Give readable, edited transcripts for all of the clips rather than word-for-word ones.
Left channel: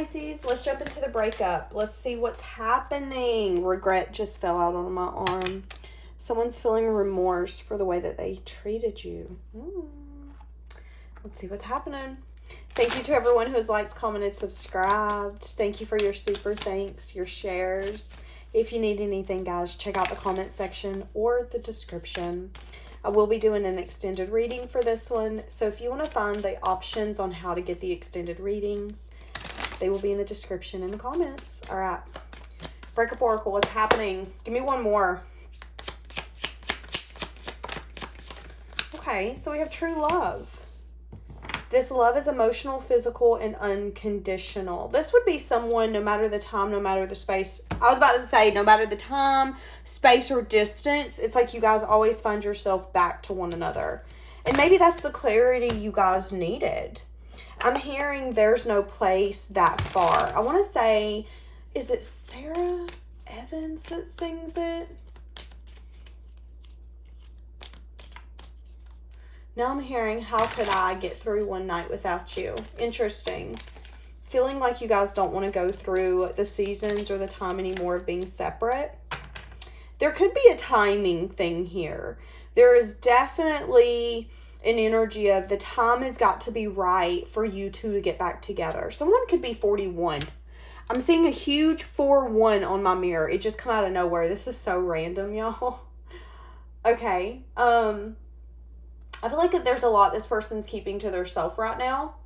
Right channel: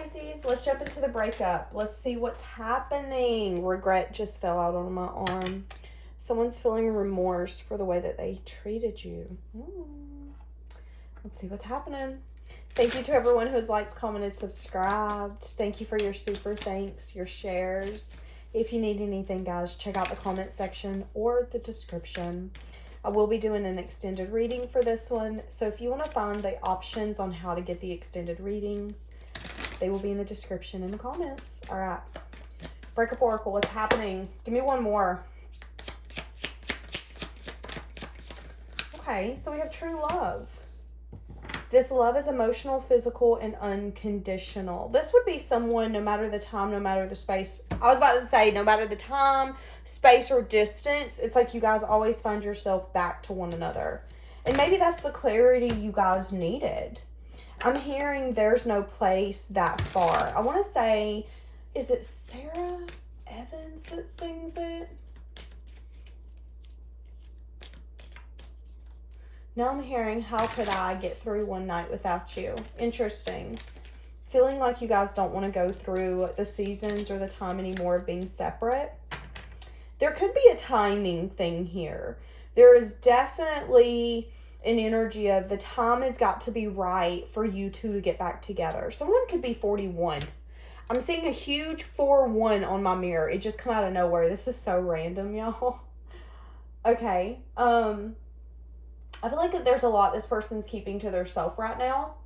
Pisces, let's jump into the breakup. Let's see what's happening. Regret just fell out on my arm. Someone's feeling remorse for the way that they treated you. Let's see what's happening. Thank you to everyone who has liked, commented, subscribed. Thank you for your super thanks, your shares. If you need anything, guys, check out the comment section or the description. I will be doing an extended reading for this one. So if you want to find the options on how to get the extended readings, they will be in the description in the comments. All right. Breakup Oracle, what's happening? Give me one more. Okay, so we have true love. This love is emotional, physical, and unconditional. This would be someone, no matter the time, no matter the space. I was about to say, no matter the time, space, or distance, it's like you guys always find yourself back to one another. And maybe that's the clarity you guys needed. I'm hearing there's no place that far. I want to say, is it Sarah Evans that sings it? Now I'm hearing, how could I get through one night without you? Interesting. Feeling like you guys don't want to go through the seasons or the time anymore of being separate. There could be a timing thing here. There is definitely an energy of the time has got to be right for you two to get back together. Someone could be 41. I'm seeing a huge 4-1 on my mirror. It just come out of nowhere. This is so random, y'all. Okay. I feel like there's a lot this person's keeping to themselves right now.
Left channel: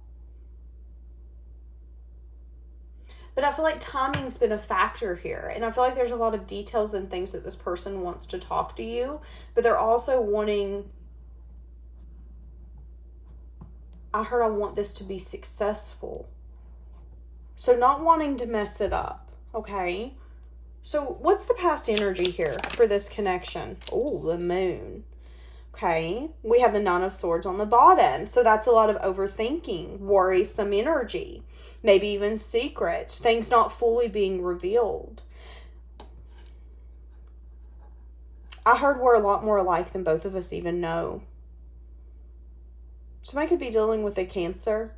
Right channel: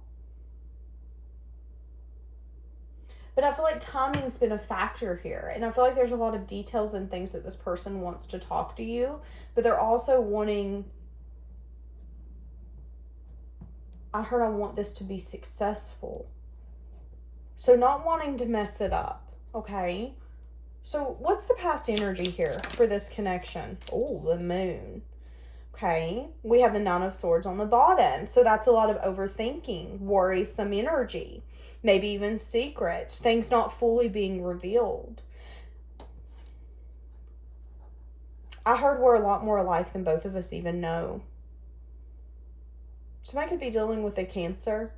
But I feel like timing's been a factor here. And I feel like there's a lot of details and things that this person wants to talk to you. But they're also wanting... I heard I want this to be successful. So not wanting to mess it up. Okay? So what's the past energy here for this connection? Oh, the moon. Okay, we have the Nine of Swords on the bottom. So that's a lot of overthinking, worrisome energy, maybe even secrets, things not fully being revealed. I heard we're a lot more alike than both of us even know. Somebody could be dealing with a Cancer.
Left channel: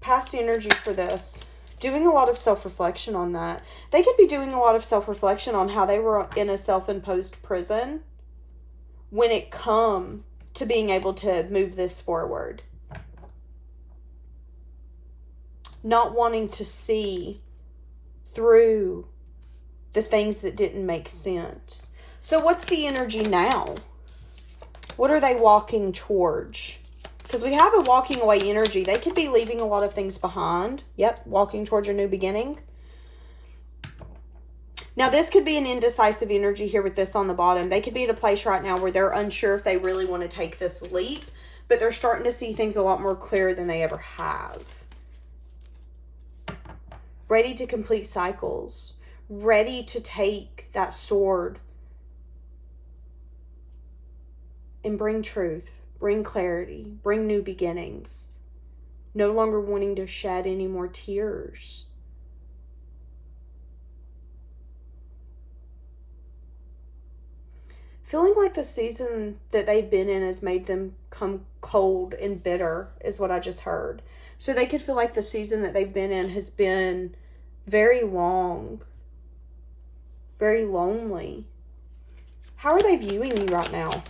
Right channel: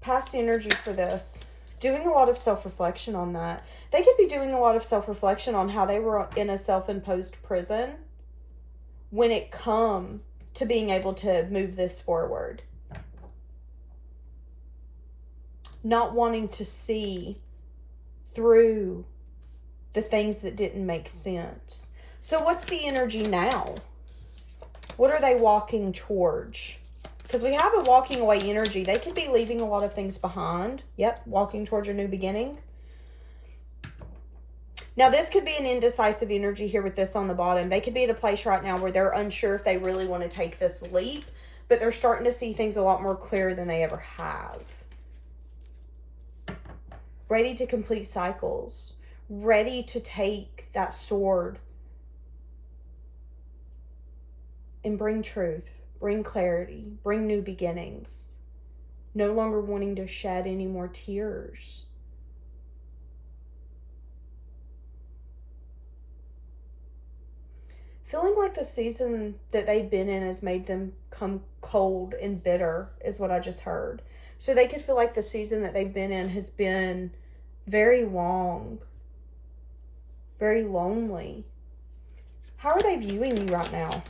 Past energy for this. Doing a lot of self-reflection on that. They could be doing a lot of self-reflection on how they were in a self-imposed prison when it come to being able to move this forward. Not wanting to see through the things that didn't make sense. So what's the energy now? What are they walking towards? Because we have a walking away energy. They could be leaving a lot of things behind. Yep, walking towards a new beginning. Now, this could be an indecisive energy here with this on the bottom. They could be at a place right now where they're unsure if they really want to take this leap, but they're starting to see things a lot more clear than they ever have. Ready to complete cycles. Ready to take that sword and bring truth. Bring clarity, bring new beginnings. No longer wanting to shed any more tears. Feeling like the season that they've been in has made them come cold and bitter is what I just heard. So they could feel like the season that they've been in has been very long, very lonely. How are they viewing you right now?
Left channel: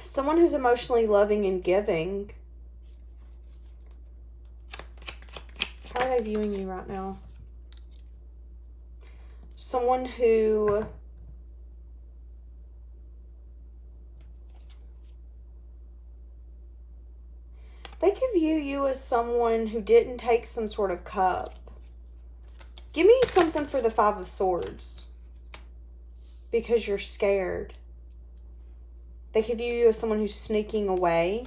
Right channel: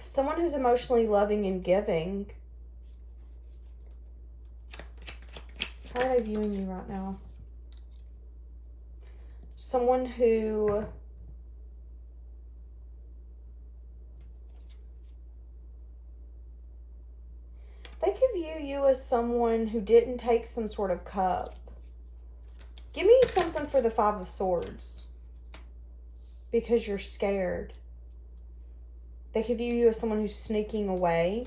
Someone who's emotionally loving and giving. How are they viewing you right now? Someone who they could view you as someone who didn't take some sort of cup. Give me something for the Five of Swords. Because you're scared. They could view you as someone who's sneaking away.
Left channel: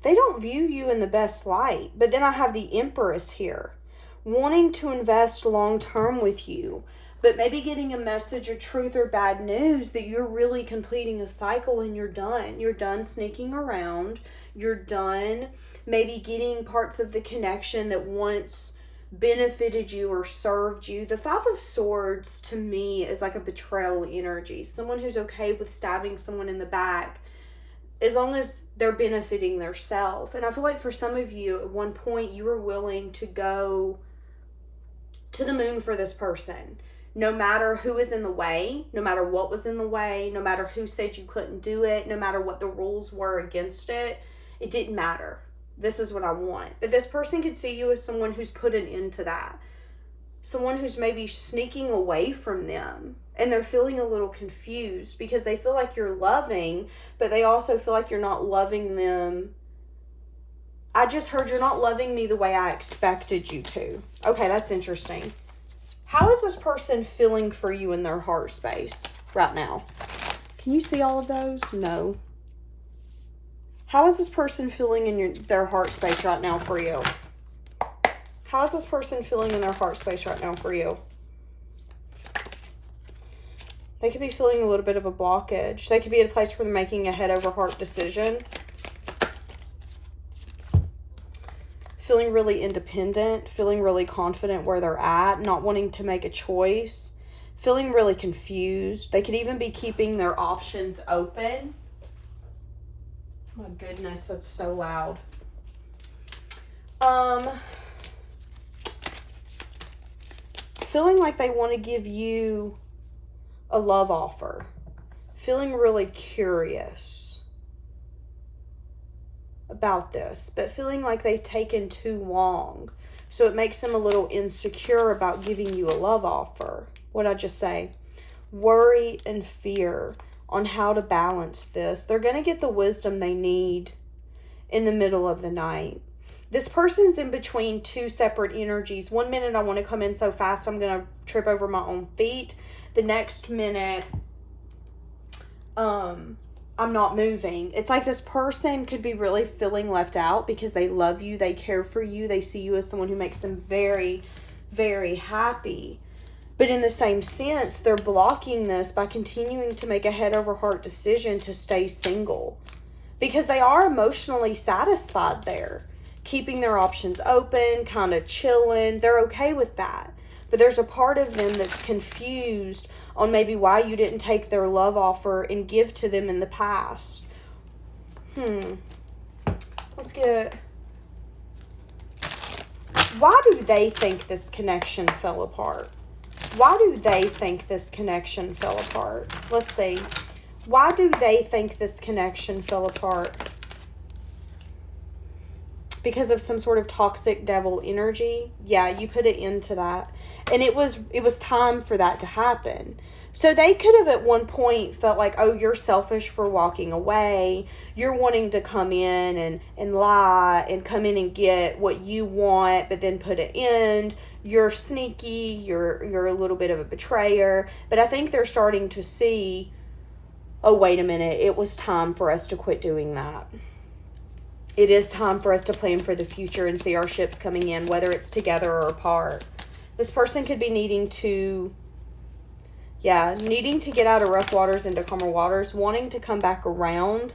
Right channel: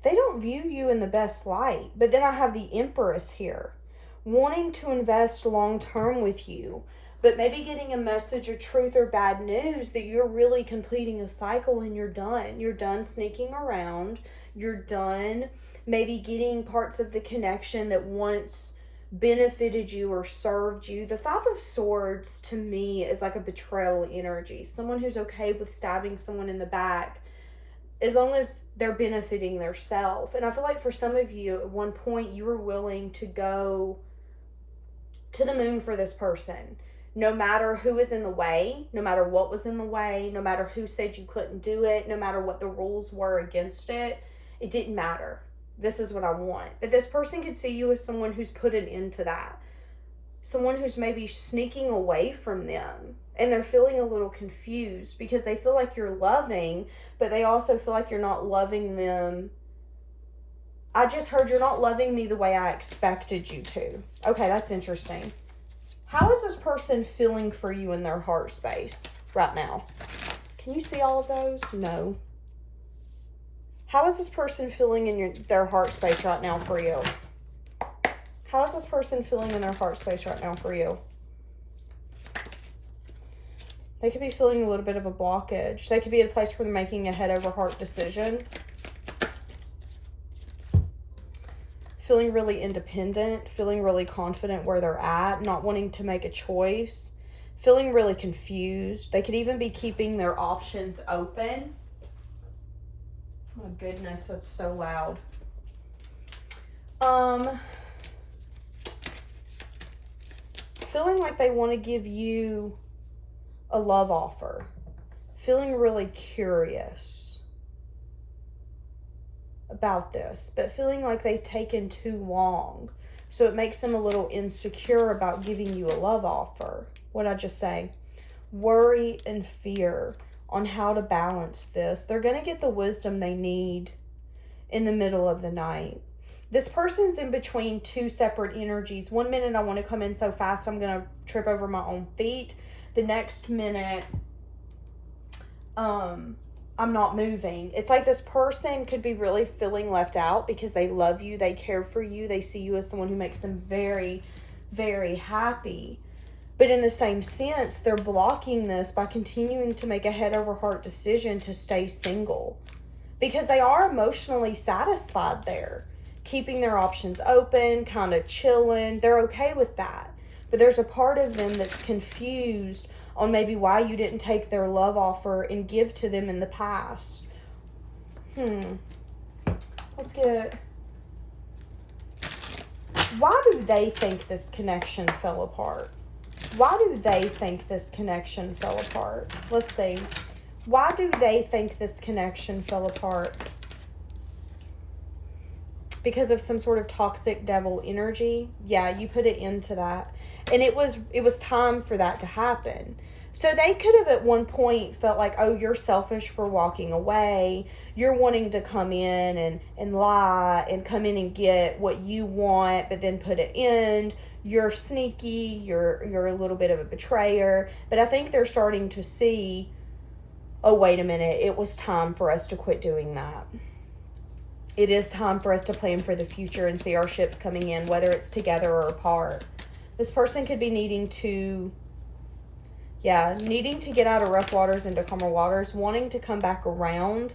They don't view you in the best light. But then I have the Empress here. Wanting to invest long-term with you. but maybe getting a message of truth or bad news that you're really completing a cycle and you're done. You're done sneaking around. You're done maybe getting parts of the connection that once benefited you or served you. The Five of Swords to me is like a betrayal energy. Someone who's okay with stabbing someone in the back as long as they're benefiting themselves. And I feel like for some of you, at one point, you were willing to go to the moon for this person. No matter who was in the way, no matter what was in the way, no matter who said you couldn't do it, no matter what the rules were against it, it didn't matter. This is what I want. But this person could see you as someone who's put an end to that. Someone who's maybe sneaking away from them. And they're feeling a little confused because they feel like you're loving, but they also feel like you're not loving them. I just heard you're not loving me the way I expected you to. Okay, that's interesting. How is this person feeling for you in their heart space right now? Can you see all of those? No. How is this person feeling in their heart space right now for you? How is this person feeling in their heart space right now for you? They could be feeling a little bit of a blockage. They could be at a place where they're making a head over heart decision. Feeling really independent, feeling really confident where they're at, not wanting to make a choice, feeling really confused. They could even be keeping their options open. Oh my goodness, that's so loud. Feeling like they want to give you a love offer. Feeling really curious about this, but feeling like they've taken too long. So it makes them a little insecure about giving you a love offer. What'd I just say? Worry and fear on how to balance this. They're going to get the wisdom they need in the middle of the night. This person's in between two separate energies. 1 minute I want to come in so fast I'm going to trip over my own feet. The next minute, I'm not moving. It's like this person could be really feeling left out because they love you, they care for you, they see you as someone who makes them very, very happy. But in the same sense, they're blocking this by continuing to make a head over heart decision to stay single. Because they are emotionally satisfied there. Keeping their options open, kind of chilling. They're okay with that. But there's a part of them that's confused on maybe why you didn't take their love offer and give to them in the past. Let's get... Why do they think this connection fell apart? Why do they think this connection fell apart? Let's see. Why do they think this connection fell apart? Because of some sort of toxic devil energy? Yeah, you put it into that. And it was time for that to happen. So they could have at one point felt like, oh, you're selfish for walking away. You're wanting to come in and lie and come in and get what you want, but then put an end. You're sneaky. You're a little bit of a betrayer. But I think they're starting to see, oh, wait a minute. It was time for us to quit doing that. It is time for us to plan for the future and see our ships coming in, whether it's together or apart. This person could be needing to get out of rough waters into calmer waters, wanting to come back around,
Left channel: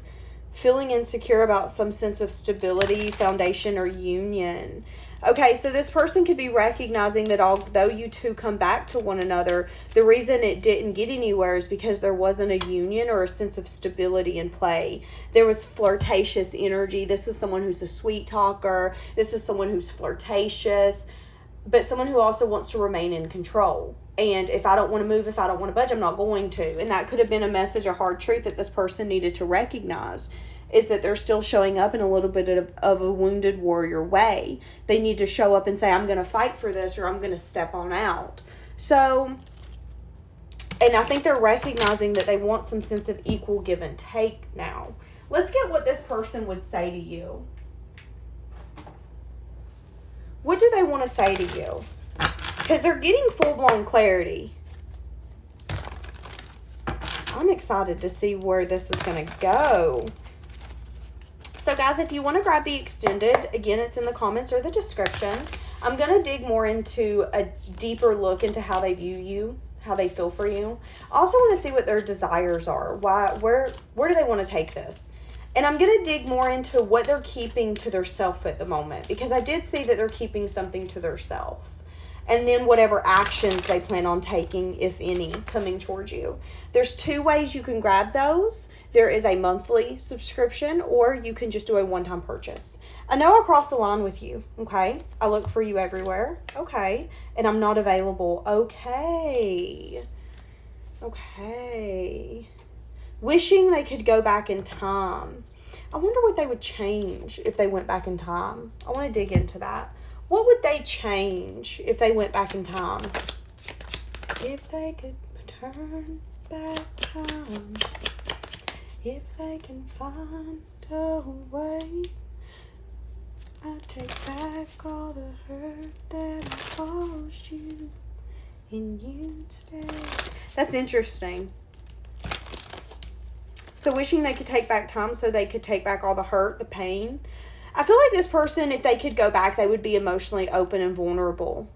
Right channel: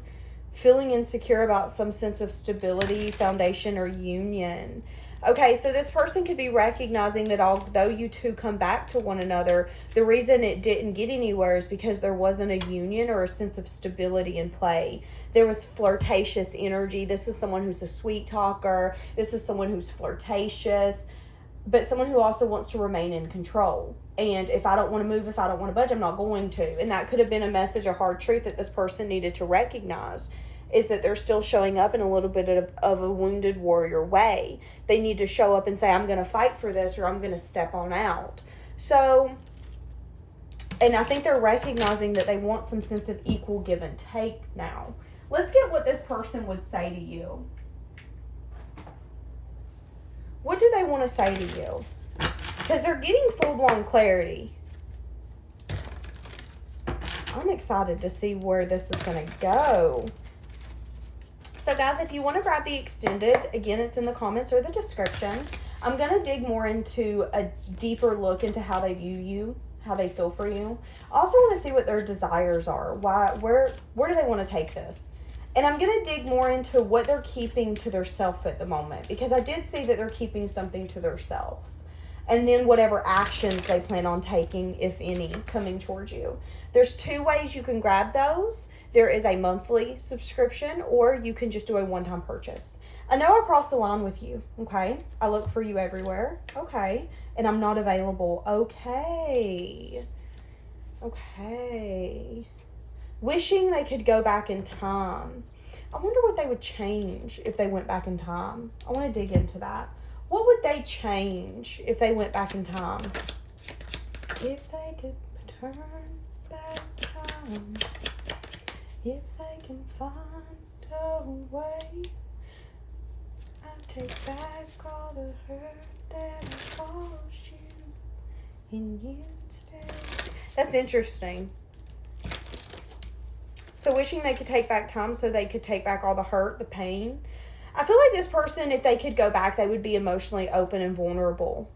feeling insecure about some sense of stability, foundation, or union. Okay, so this person could be recognizing that although you two come back to one another, the reason it didn't get anywhere is because there wasn't a union or a sense of stability in play. There was flirtatious energy. This is someone who's a sweet talker. This is someone who's flirtatious, but someone who also wants to remain in control. And if I don't want to move, if I don't want to budge, I'm not going to. And that could have been a message, a hard truth that this person needed to recognize, is that they're still showing up in a little bit of a wounded warrior way. They need to show up and say, I'm going to fight for this, or I'm going to step on out. So, and I think they're recognizing that they want some sense of equal give and take now. Let's get what this person would say to you. What do they want to say to you? Because they're getting full-blown clarity. I'm excited to see where this is going to go. So guys, if you want to grab the extended, again, it's in the comments or the description. I'm going to dig more into a deeper look into how they view you, how they feel for you. I also want to see what their desires are. Where do they want to take this? And I'm going to dig more into what they're keeping to their self at the moment, because I did see that they're keeping something to their self. And then whatever actions they plan on taking, if any, coming towards you. There's 2 ways you can grab those. There is a monthly subscription, or you can just do a one-time purchase. I know I crossed the line with you, okay? I look for you everywhere, okay? And I'm not available, okay? Okay. Wishing they could go back in time. I wonder what they would change if they went back in time. I want to dig into that. What would they change if they went back in time? If they could turn back time. If they can find a way. I'll take back all the hurt that caused you. And you stay. That's interesting. So wishing they could take back time so they could take back all the hurt, the pain. I feel like this person, if they could go back, they would be emotionally open and vulnerable.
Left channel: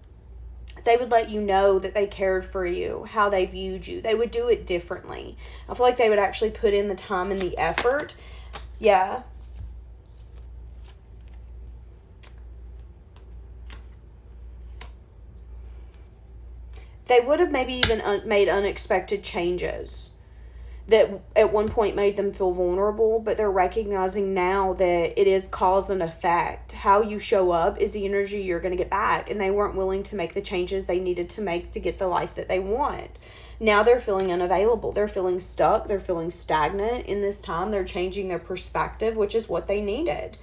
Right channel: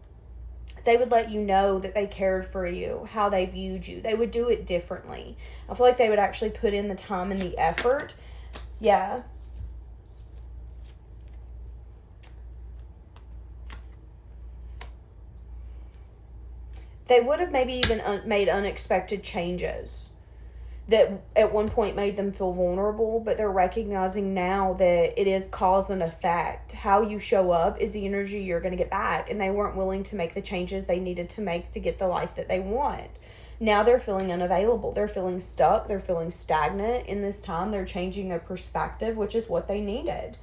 They would let you know that they cared for you, how they viewed you. They would do it differently. I feel like they would actually put in the time and the effort. Yeah. They would have maybe even made unexpected changes that at one point made them feel vulnerable, but they're recognizing now that it is cause and effect. How you show up is the energy you're going to get back, and they weren't willing to make the changes they needed to make to get the life that they want. Now they're feeling unavailable. They're feeling stuck. They're feeling stagnant in this time. They're changing their perspective, which is what they needed.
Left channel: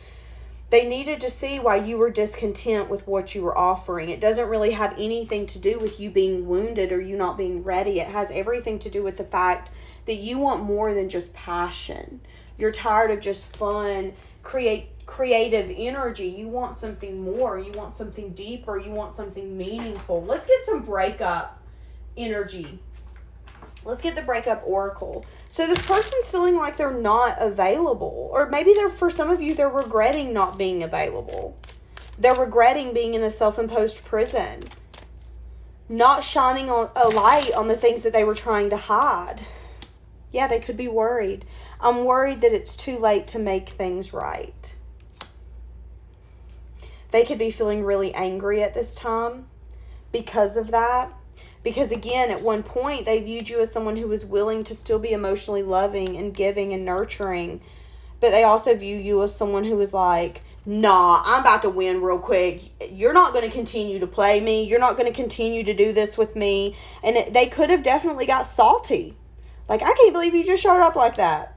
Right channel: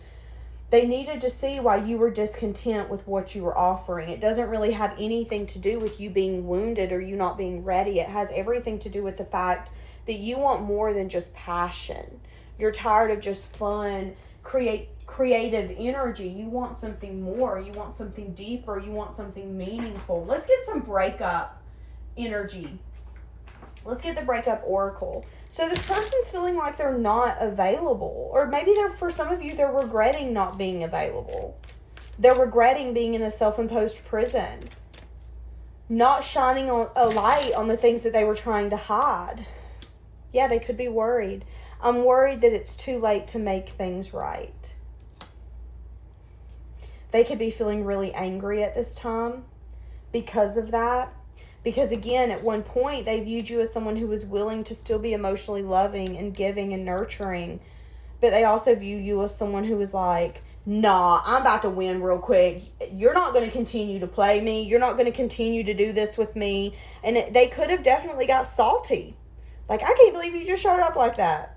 They needed to see why you were discontent with what you were offering. It doesn't really have anything to do with you being wounded or you not being ready. It has everything to do with the fact that you want more than just passion. You're tired of just fun, creative energy. You want something more. You want something deeper. You want something meaningful. Let's get some breakup energy. Let's get the breakup oracle. So this person's feeling like they're not available. Or maybe for some of you, they're regretting not being available. They're regretting being in a self-imposed prison. Not shining a light on the things that they were trying to hide. Yeah, they could be worried. I'm worried that it's too late to make things right. They could be feeling really angry at this time because of that. Because again, at one point, they viewed you as someone who was willing to still be emotionally loving and giving and nurturing. But they also view you as someone who was like, nah, I'm about to win real quick. You're not going to continue to play me. You're not going to continue to do this with me. And they could have definitely got salty. Like, I can't believe you just showed up like that.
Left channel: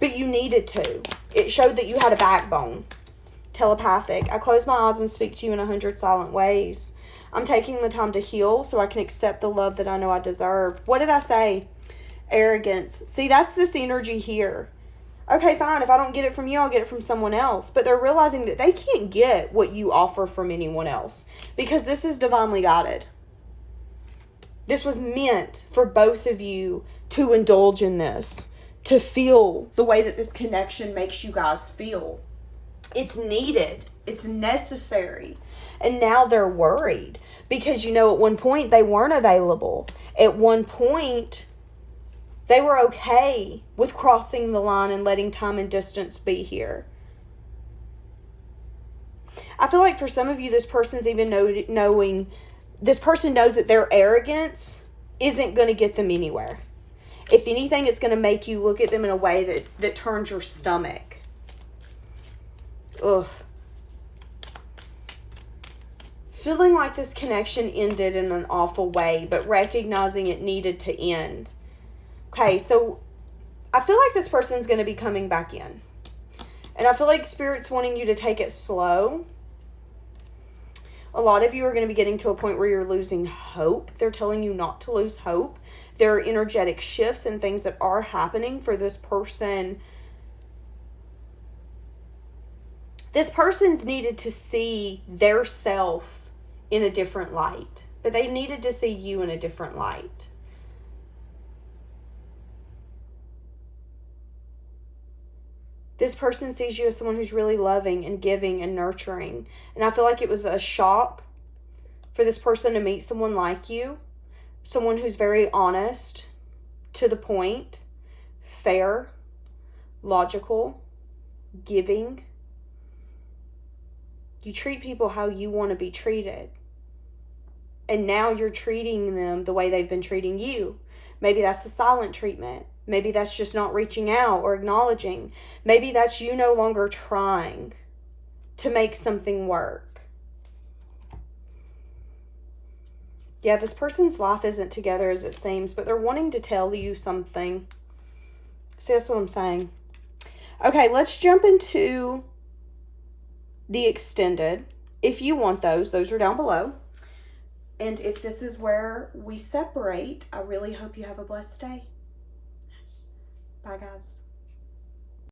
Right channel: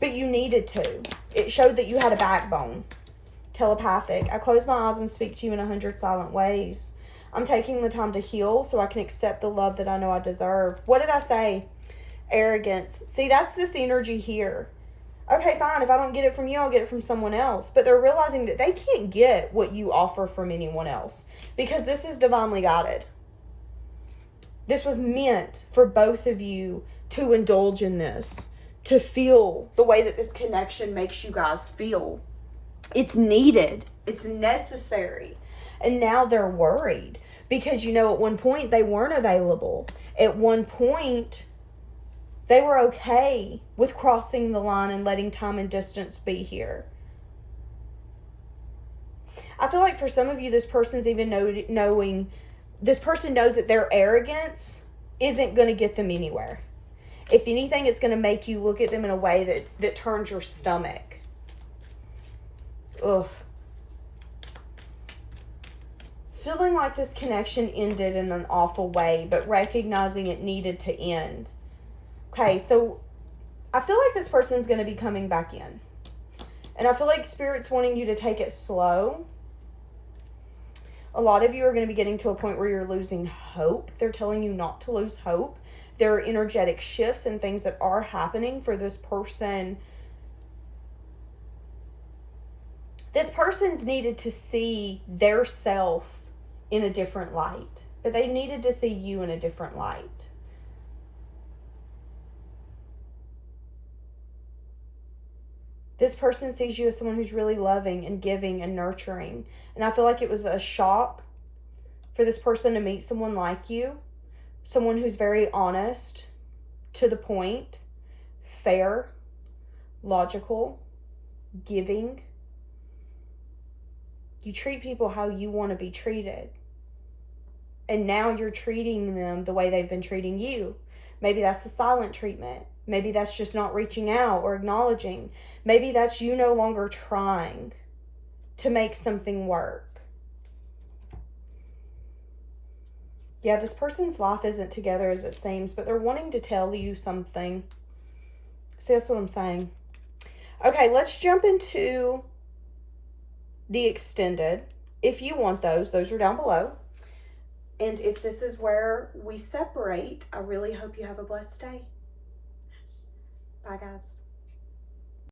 But you needed to. It showed that you had a backbone. Telepathic. I close my eyes and speak to you in 100 silent ways. I'm taking the time to heal so I can accept the love that I know I deserve. What did I say? Arrogance. See, that's this energy here. Okay, fine. If I don't get it from you, I'll get it from someone else. But they're realizing that they can't get what you offer from anyone else. Because this is divinely guided. This was meant for both of you to indulge in this. To feel the way that this connection makes you guys feel. It's needed. It's necessary. And now they're worried. Because, at one point they weren't available. At one point, they were okay with crossing the line and letting time and distance be here. I feel like for some of you, this person's even knowing, this person knows that their arrogance isn't going to get them anywhere. If anything, it's going to make you look at them in a way that turns your stomach. Ugh. Feeling like this connection ended in an awful way, but recognizing it needed to end. Okay, so I feel like this person's going to be coming back in. And I feel like Spirit's wanting you to take it slow. A lot of you are going to be getting to a point where you're losing hope. They're telling you not to lose hope. There are energetic shifts and things that are happening for this person. This person's needed to see their self in a different light. But they needed to see you in a different light. This person sees you as someone who's really loving and giving and nurturing. And I feel like it was a shock for this person to meet someone like you. Someone who's very honest, to the point, fair, logical, giving. You treat people how you want to be treated. And now you're treating them the way they've been treating you. Maybe that's the silent treatment. Maybe that's just not reaching out or acknowledging. Maybe that's you no longer trying to make something work. Yeah, this person's life isn't together as it seems, but they're wanting to tell you something. See, that's what I'm saying. Okay, let's jump into the extended. If you want those are down below. And if this is where we separate, I really hope you have a blessed day. Bye, guys.